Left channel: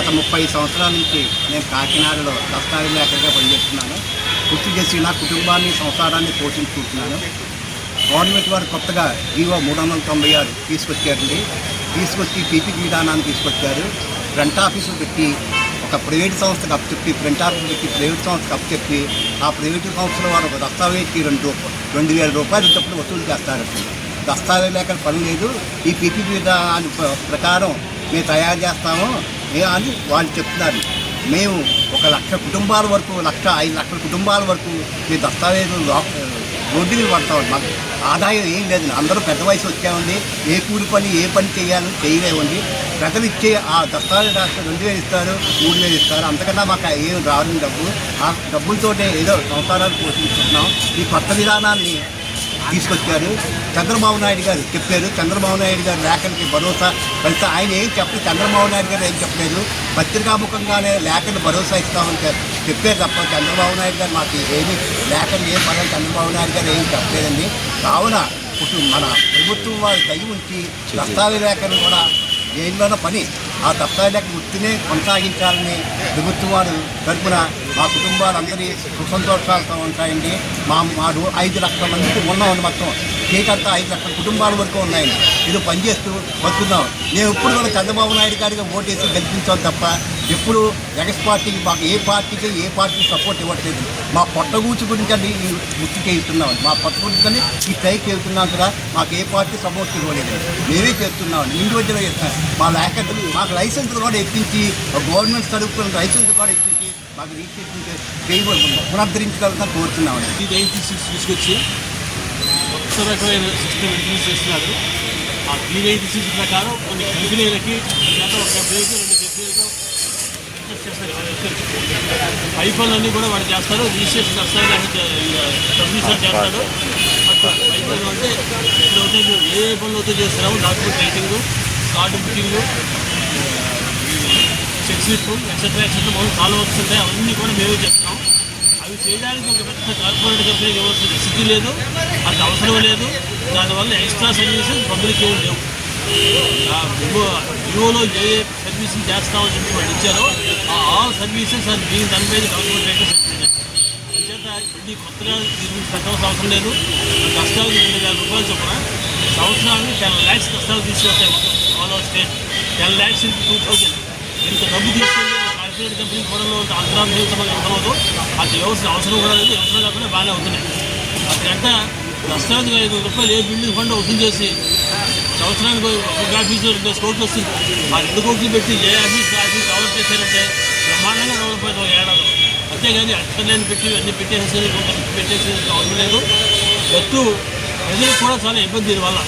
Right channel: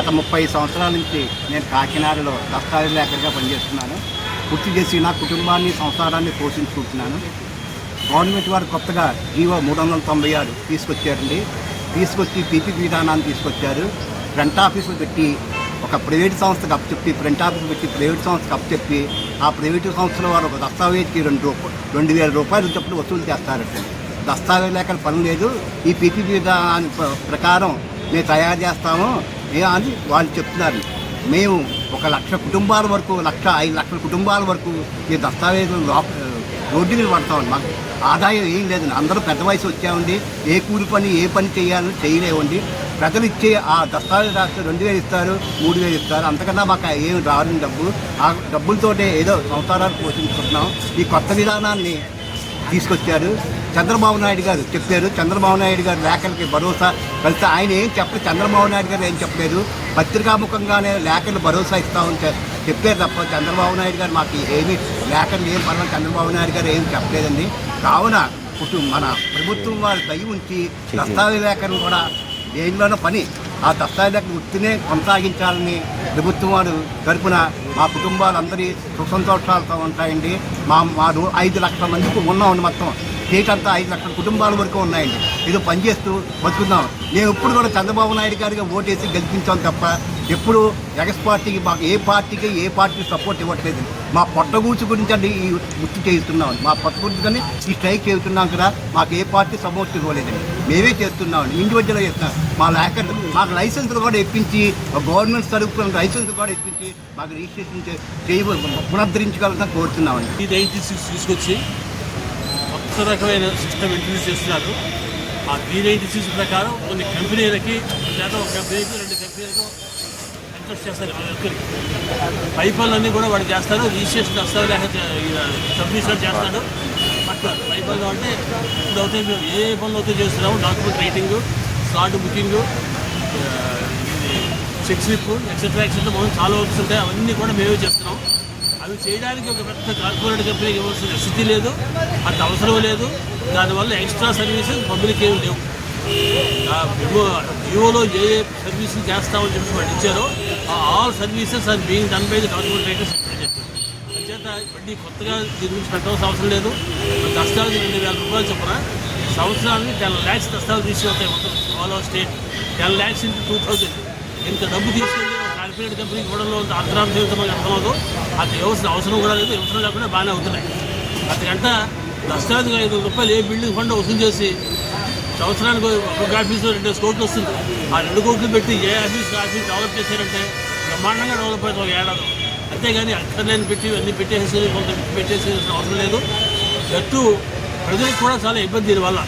గత 30 సంవత్సరాల నుంచి నేను కాకినాడలో దస్తావేజ్ లేఖగా పనిచేస్తున్నాను. పూర్తి చేసి నా కుటుంబాన్ని సంసారాన్ని పోషించుకుంటున్నాను. గవర్నమెంట్ వారు కొత్తగా జీవో 396 తీసుకొచ్చారండి. తీసుకొచ్చి పీపీ విధానాన్ని తీసుకొచ్చారు. ఫ్రంట్ ఆఫీసులు పెట్టి ఒక ప్రైవేట్ సంస్థకు అప్పచెప్పి ఫ్రంట్ ఆఫీస్ పెట్టి ప్రైవేట్ సంస్థకు అప్పచెప్పి ఆ ప్రైవేటు సంస్థల వారు ఒక దస్తావేజ్కి 2,000 రూపాయలు తప్పుడు వసూలు చేస్తారండి. దస్తావేజ్ లేఖల పని లేదు, ఈ పీపీ విధానం ప్రకారం మేము తయారు చేస్తాము అని వాళ్ళు చెప్తున్నారు. మేము 1,00,000 కుటుంబాల వరకు 5 లక్షల కుటుంబాల వరకు మీ దస్తావేజులు రోడ్డు మీద పడతామండి. మాకు ఆదాయం ఏం లేదండి. అందరూ పెద్ద వయసు వచ్చామండి. ఏ కూలి పని ఏ పని చేయాలని చేయలేమండి. ప్రజలు ఇచ్చే ఆ దస్తావేజ్ డాక్టర్ 2,000 ఇస్తారు, 3,000 ఇస్తారు. అంతకన్నా మాకు ఏం రాని డబ్బు. ఆ డబ్బులతోటే ఏదో సంసారాలు పోషించుకుంటున్నాం. ఈ కొత్త విధానాన్ని తీసుకొచ్చారు. చంద్రబాబు నాయుడు గారు చెప్పారు. చంద్రబాబు నాయుడు గారు లేఖలకి భరోసా కలిసి ఆయన ఏం చెప్పలేదు. చంద్రబాబు నాయుడు గారు ఏం చెప్పలేదు. పత్రికాముఖంగానే లేఖలు భరోసా ఇస్తామని చెప్పారు తప్ప చంద్రబాబు నాయుడు గారు మాకు ఏమి లేఖలు ఏం పర్వాలేదు చంద్రబాబు నాయుడు గారు ఏం చెప్పలేదండి. కావున మన ప్రభుత్వం వారి దయ ఉంచి దస్తావేజ్ లేఖలు కూడా దేనిలోనో పని ఆ దస్తావేజ్ లేఖలు వృత్తినే కొనసాగించాలని ప్రభుత్వం వారు తరపున మా కుటుంబాలందరి సుఖ సంతోషాలతో ఉంటాయండి. మా 5 లక్షల మందికి ఉన్నామండి. మొత్తం స్టేట్ అంతా 5 లక్షల కుటుంబాల వరకు ఉన్నాయండి. ఇది పనిచేస్తూ బతుకున్నాం. మేము ఎప్పుడు కూడా చంద్రబాబు నాయుడు గారిగా ఓటేసి గెలిపించాం తప్ప ఎప్పుడు ఎగస్ పార్టీకి మాకు ఏ పార్టీకి సపోర్ట్ ఇవ్వట్లేదు. మా పొట్టగూచి గురించి అండి ఈ వృత్తి చేస్తున్నామండి. మా పొట్టగూచి కానీ ఈ స్ట్రైక్ చేస్తున్నాం కదా. మాకు ఏ పార్టీ సపోర్ట్ ఇవ్వలేదు. మేమే చేస్తున్నామండి. ఇండివిజువల్గా చేస్తున్నాం. మాకు లైసెన్సులు కూడా ఇప్పించి గవర్నమెంట్ తరపున లైసెన్స్ కూడా ఇప్పించి మాకు రిజిస్ట్రేషన్ పునరుద్ధరించగలుగుతాం కోరుతున్నామండి. ఈ రైతు తీసుకొచ్చి కొత్త రకమైన సిస్టమ్ ఇంట్రడ్యూస్ చేస్తున్నారు. ఆ D96 ప్రకారం కొన్ని కంపెనీలకి ఒక కంపెనీకి 2 కంపెనీలకు పై పనులన్నీ కూడా వాడు చేస్తారు. రిజిస్ట్రేషన్ సబ్మిషన్ చేస్తాడు. అట్లా పై పనులు అంటే అవుతాయి. ఏ పనులు అవుతాయి చేస్తున్నాము. Document writing, card booking, check slip etcetera మనం చాలా వర్క్స్ ఉంటాయి. అవన్నీ కూడా మేమే చేస్తున్నాం. అవి చేయడానికి ఒక పెద్ద కార్పొరేట్ కంపెనీకి ఇవ్వాల్సిన స్థితి లేదు, అంత అవసరం లేదు. దానివల్ల ఎక్స్ట్రా సర్వీసెస్ పబ్లిక్ ఏమి లేవు. వివోలో ఏ సర్వీసులు చేస్తామని చెప్పి వాళ్ళు ఇచ్చారో ఆల్ సర్వీసెస్ అది being done by the corporate writer certificate. అంచేత మళ్ళీ కొత్తగా దీని గురించి పెట్టాల్సిన అవసరం లేదు. దస్తావేజ్ 2,000 రూపాయలు చొప్పున సంవత్సరానికి 10 lakhs దస్తావేజ్ తీసుకొస్తాయి. All over state 10 lakhs into 2,000 ఇంత డబ్బు తీసుకెళ్ళి కార్పొరేట్ కంపెనీ కూడా అంతరాంశం అర్థమవుతూ అది అవసరం కూడా లేదు. అవసరం లేకుండా బాగానే అవుతున్నాయి. అంతకంటే దస్తావేజ్ 5,000 రూపాయలు ఏ బిల్డింగ్ ఫండ్ వసూలు చేసి సంవత్సరానికి ఒక ఆఫీసు 2 కోట్లు వస్తుంది. ఆ 2 కోట్లు పెట్టి ఏ ఆఫీస్ డెవలప్ చేశారంటే బ్రహ్మాండంగా డెవలప్ అవుతుంది ఒక ఏడాది. అంతేగాని అక్కర్లేని పెట్టి అన్ని పెట్టేసి అవసరం లేదు. ఎత్తు ప్రజలకు కూడా చాలా ఇబ్బంది. దీనివల్ల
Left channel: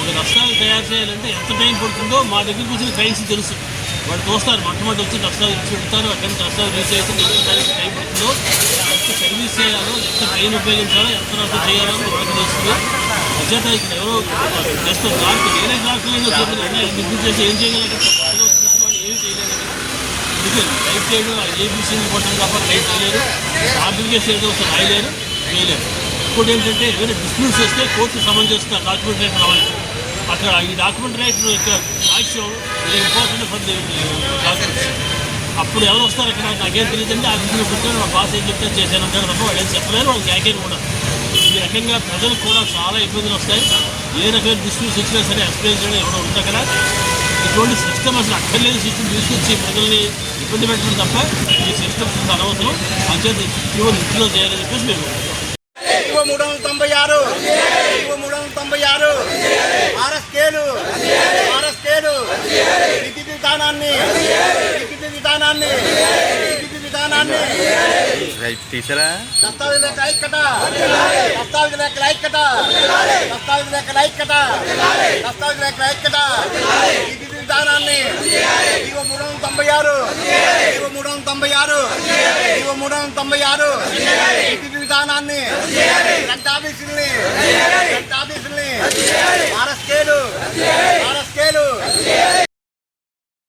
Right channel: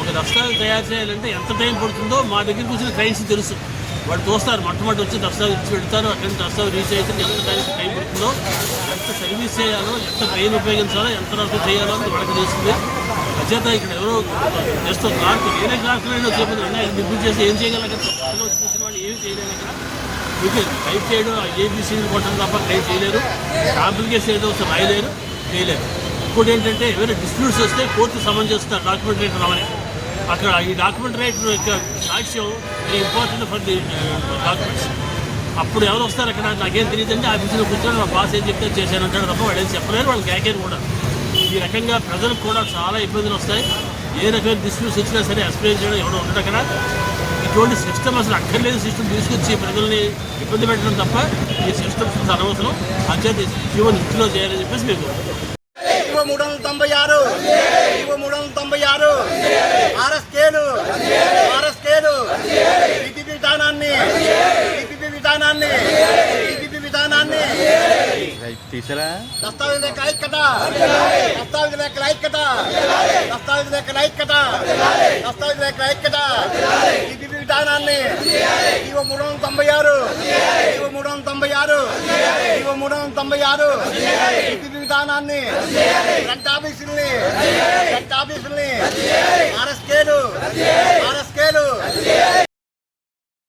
ఒక దస్తావేజ్ తయారు చేయాలంటే ఎంత టైం పడుతుందో మా దగ్గరికి వచ్చిన క్లయింట్స్ తెలుసు. వాడు చూస్తారు. మొట్టమొదటి వచ్చి దస్తావేజ్ ఇచ్చి పెడతారు. అక్కడి దస్తావేజ్ తీసేసి ఎంత టైం పడుతుందో, ఎంత సర్వీస్ చేయాలో, ఎంత ట్రైన్ ఉపయోగించాలో, ఎంత నష్టం చేయాలో వాళ్ళకి తెలుస్తుంది. అచేత ఇక్కడ ఎవరో జస్ట్ క్లార్క్ వేరే క్లార్క్లైనా చూపుతుంది. నిర్మించి చేసి ఏం చేయగలరు? వాళ్ళు ఏం చేయలేరు. మీకు టైప్ చేయడం ఏబీసీని కొట్టడం తప్ప టైప్ చేయలేరు. అప్లికేషన్ ఏదో ఒకసారి రాయలేరు, చేయలేరు. ఇంకోటి ఏంటంటే ఎవరైనా డిస్ప్యూట్స్ చేస్తే కోర్టు సమన్ చేస్తారు డాక్యుమెంట్ రైటర్ రావాలి. అక్కడ ఈ డాక్యుమెంట్ రైటర్ యొక్క సాక్ష్యం ఇంపార్టెంట్ ఫర్ ది డాక్యుమెంట్స్. అప్పుడు ఎవరు వస్తారు అక్కడ నాకేం తెలియదండి. ఆఫీసులో కూర్చొని మా బాస్ ఏం చెప్తే చేశానంటారు తప్ప వాళ్ళు ఏం చెప్పలేరు. వాళ్ళకి యాకేం కూడా. ఈ రకంగా ప్రజలకు కూడా చాలా ఇబ్బందులు వస్తాయి. ఏ రకమైన డిస్ప్యూట్స్ వచ్చినా సరే ఎక్స్ప్లెయిన్ చేయడం ఎవరో ఉంటుంది అక్కడ. ఇటువంటి సిస్టమ్ అసలు అక్కర్లేని సిస్టమ్ తీసుకొచ్చి ప్రజల్ని ఇబ్బంది పెట్టడం తప్ప ఈ సిస్టమ్స్ అనవసరం. అంచేత ఈవెన్ ఇంట్లో చేయాలని చెప్పేసి మేము 396 ఆర్ఎస్కేలు విధానాన్ని తీసారా? దస్తావేజ్ విధానాన్ని 396 విధానాన్ని ఆర్ఎస్కేలు